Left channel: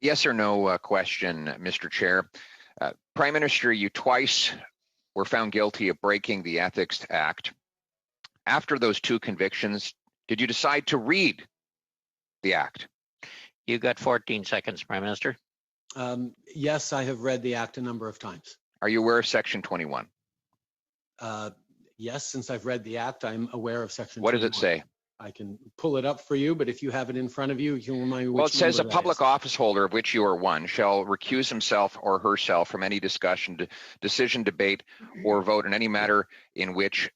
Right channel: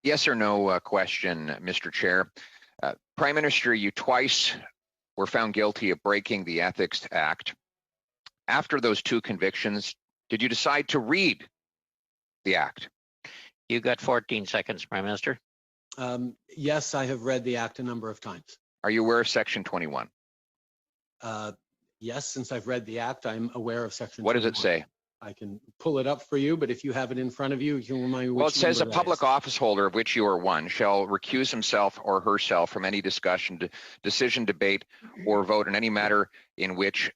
Yes or no question, Mr. Chair. Prime Minister, you twice were found guilty of breaking the Ethics Act. After those two convictions, did you decide to read the Act? You got 14 seconds, Prime Minister. Yes, I have read the Act a number of times. Are you aware of Section 21? Yes, since I've read the Act, I'm aware of Section 21. What does it say? I can pull it up for you, but if you have it in front of you, you can remind me which. Well, it says a number public that is. office holder, of which you are one, shall recuse himself or herself from any discussion, decision, debate, or vote in any matter in which,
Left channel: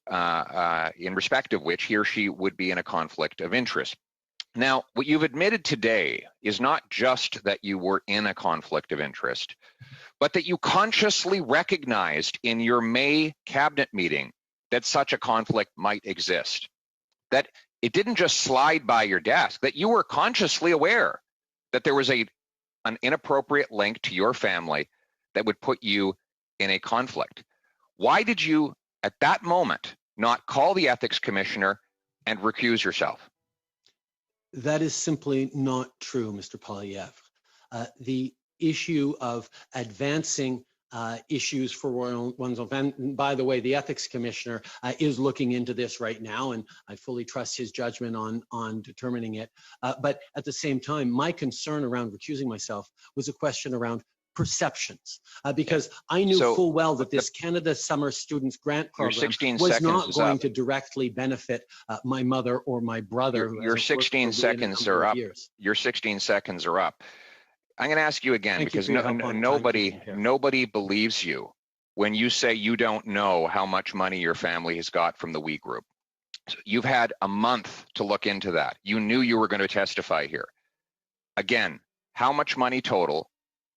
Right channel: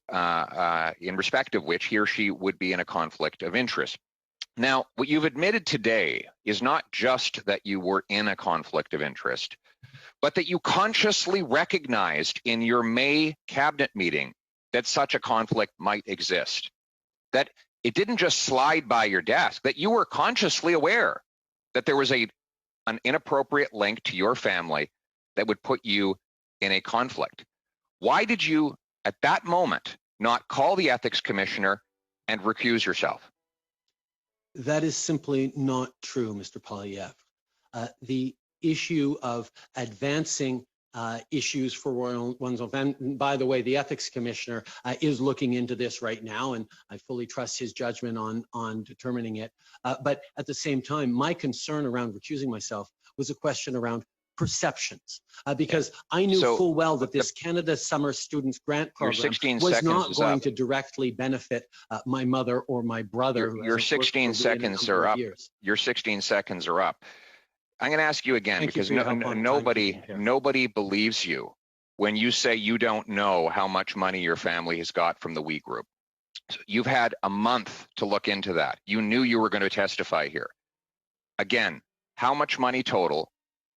in respect of which he or she would be in a conflict of interest. Now, what you've admitted today is not just that you were in a conflict of interest, but that you consciously recognized in your May cabinet meeting that such a conflict might exist. That it didn't just slide by your desk, that you were consciously aware that there was an inappropriate link to your family that would put you in a conflict. Why did you, at that moment, not call the ethics commissioner and recuse yourself? That is simply not true, Mr. Poilievre. The issue of advancing issues for one's own, and by the way, the ethics commissioner is looking into this right now, and I fully trust his judgment on determining it. But at the same time, my concern around recusing myself was a question around perceptions, because I knew full well that this Canada Summer Students Grant Program was not going to directly benefit my mother or my brother. Your 16 seconds are up. Your 16 seconds are up. I'm going to ask you again, because nobody believes you when you say you don't know how much money your family has got from the We Group. So you've had a month to look into that. You knew you were going to testify here. Again, how much money total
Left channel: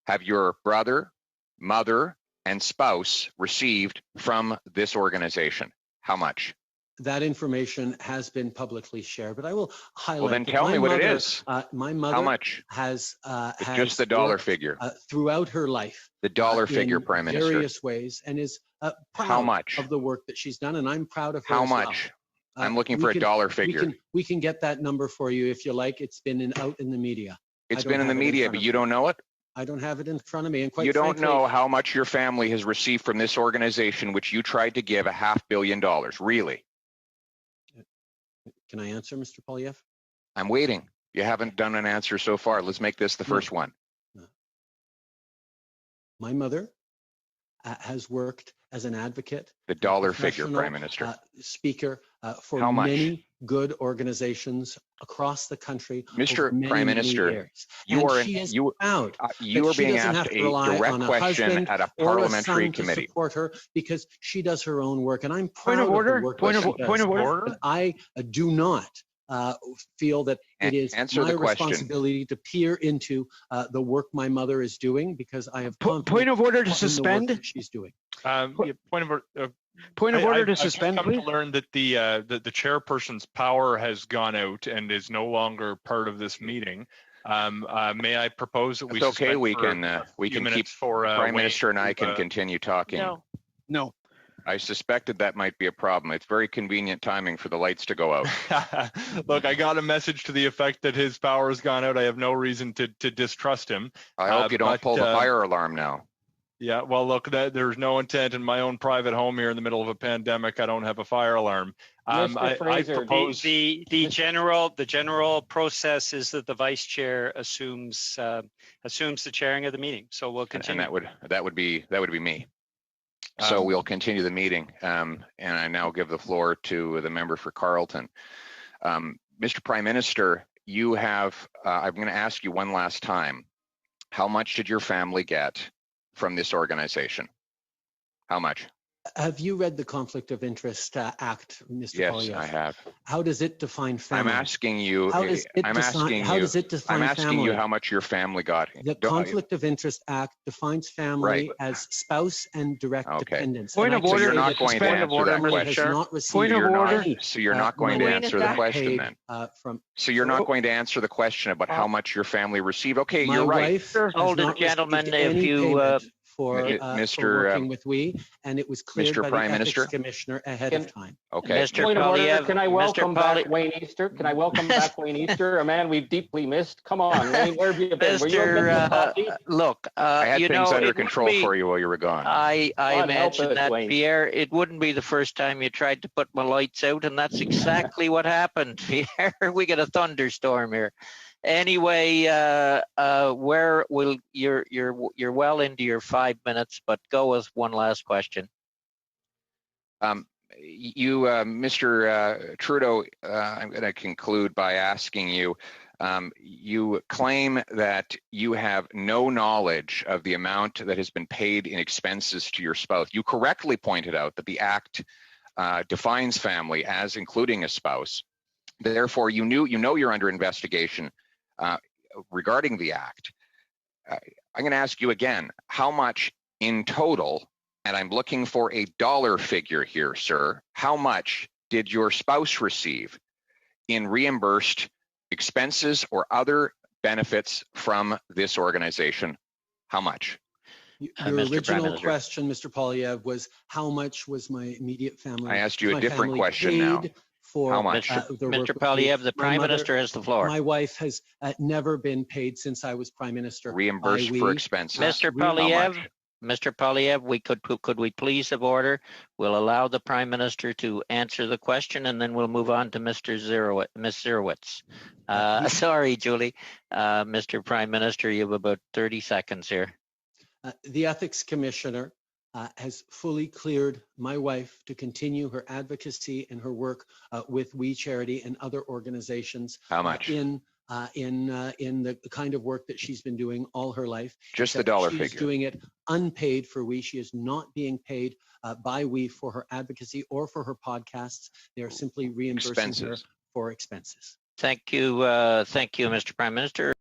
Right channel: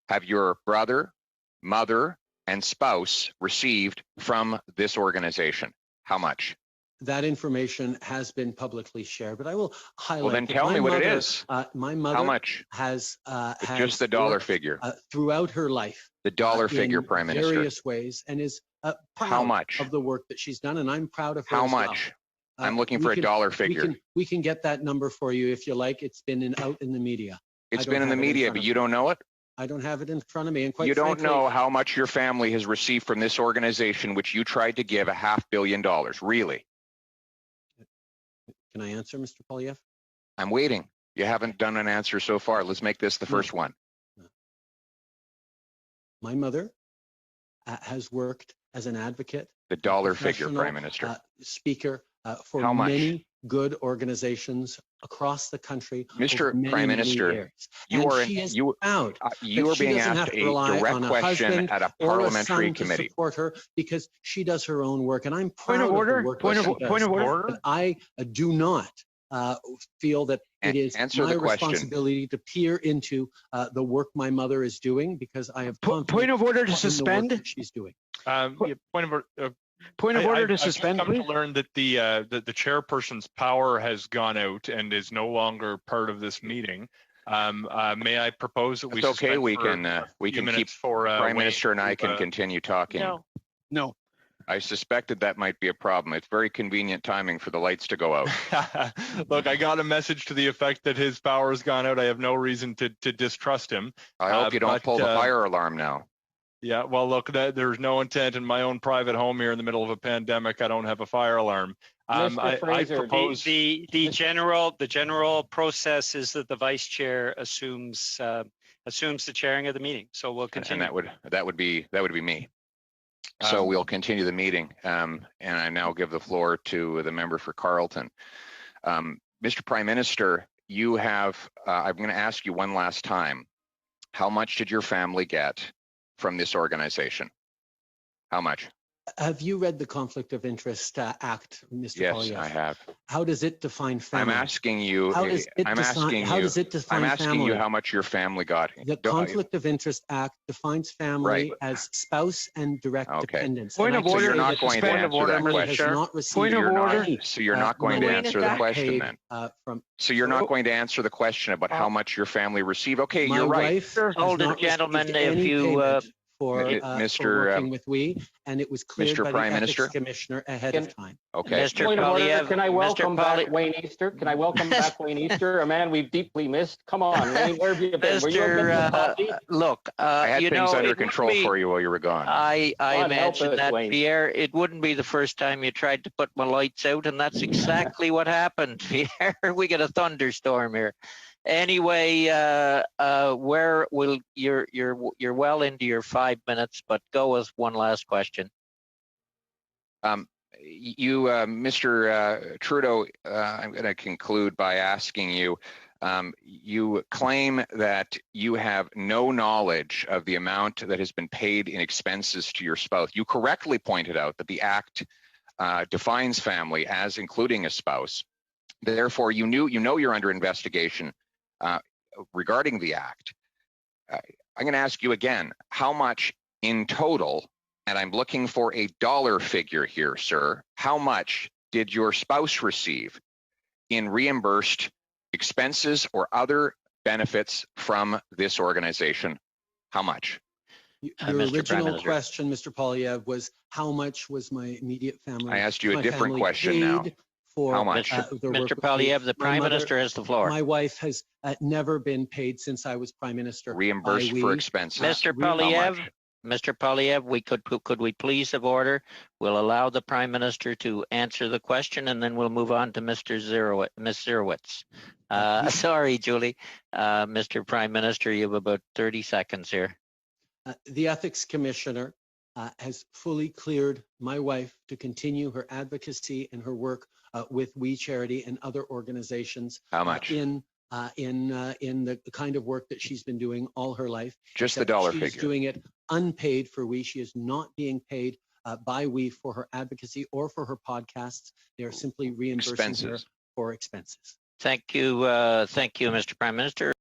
have your brother, mother, and spouse received from this organization? How much? That information has been publicly shared, but I will highlight. Well, then tell me what it is. My mother how much? has just the dollar figure throughout her life. The dollar figure, Prime Minister. Various ways, and is proud of the work that she's done, and I'm proud of her. How much? I'm looking for a dollar figure. We can get that number for you if you like. It's been out in the media. It's been in the media, but you don't know it? I don't have it in front of me. And quite you don't frankly, know how much your family has received from this organization, which you tried to give $500 million, really? Can I answer, Mr. Poilievre? I'm waiting. You haven't done an answer so far. Let's make this the first one. My mother has worked as an advocate. The dollar figure, Prime Minister. Speaker for many good organizations across the country. Mr. Prime Minister, you are being asked a direct question at a parliamentary committee. To support her because she does her own work, and I'm proud of the work that she does. Point of order. But I do not feel that it is my responsibility to peer into the work my mother is doing, because I have point of order to suspend. She's doing. Point of order to suspend. I've come to learn that the chairperson's power has gone out and is no longer part of this meeting. May I propose that we? It's okay. We can keep. Prime Minister and I can continue talking. No. I suspected that might be a problem. It's very convenient timing for the lights to go out. Look, I got a message to the effect that his power has gone out. I have no reason to distrust him. I hope you don't pull the fire alarm now. Yeah, well, look, there's no intent in my own private home here in the middle of a pandemic. I don't have a fire alarm. I propose the general process is that the vice chair assumes the chairing of the meeting. So we'll continue. And that would be me. So we'll continue the meeting, and I now give the floor to the member for Carleton. Mr. Prime Minister, you have, I'm going to ask you one last time, how much did your family get from this organization? How much? Have you read the Conflict of Interest Act, Mr. Yes, Poilievre? I have. How does it define family? I'm asking you. How does it define I'm asking family? you how much your family got. The Conflict of Interest Act defines family as spouse and direct dependents. Point of order. So you're not going to answer that question. Point of order. So you're not going to answer the question then. So you're not going to answer the question about how much your family received. Okay, you're right. Hold it, gentlemen. If you for Mr. working with we, and it was cleared Mr. by Prime the ethics Minister? commissioner ahead of time. Okay. Mr. Point of order, Poilievre, can I Mr. welcome back Poilievre, Wayne Easter? Can I welcome back Wayne Easter, a man we've deeply missed? Come on, Wayne, where have you been? Were you a bit of a puppy? look, I had you things know, under it wouldn't control be, for you while you were gone. I God help mentioned us, that, Wayne. Pierre, it wouldn't be the first time you tried to put my lights out, and that's exactly what happened, Pierre. We got a thunderstorm here. Anyway, where will you're well into your 5 minutes, but go with one last question. Mr. Trudeau, I'm going to conclude by asking you, you claim that you have no knowledge of the amount that has been paid in expenses to your spouse. You correctly pointed out that the Act defines family as including a spouse. Therefore, you know you're under investigation regarding the Act. I'm going to ask you again, how much in total, and I'm looking for a dollar figure here, sir, how much did your spouse receive in reimbursed expenses or other benefits from this organization? How much? Your Mr. Prime original Minister. question, Mr. Poilievre, was how much was my immediate family? I asked you a my different family question now. paid for How much? the work Mr. with me? Poilievre, the My Prime mother- Minister has the floor. My wife has never been paid since I was Prime Minister. Reimbursed by for we. expenses. Mr. How Poilievre, much? Mr. Poilievre, could we please have order? We'll allow the Prime Minister to answer the question, and then we'll move on to Ms. Zerowitz. Sorry, Julie. Mr. Prime Minister, you have about 30 seconds here. The ethics commissioner has fully cleared my wife to continue her advocacy and her work with We Charity and other organizations. How much? In the kind of work that she's been doing all her life. Just the Except dollar she's figure. doing it unpaid for We. She is not being paid by We for her advocacy or for her podcasts. They are simply reimbursing her Expenses. for expenses. Thank you, Mr. Prime Minister.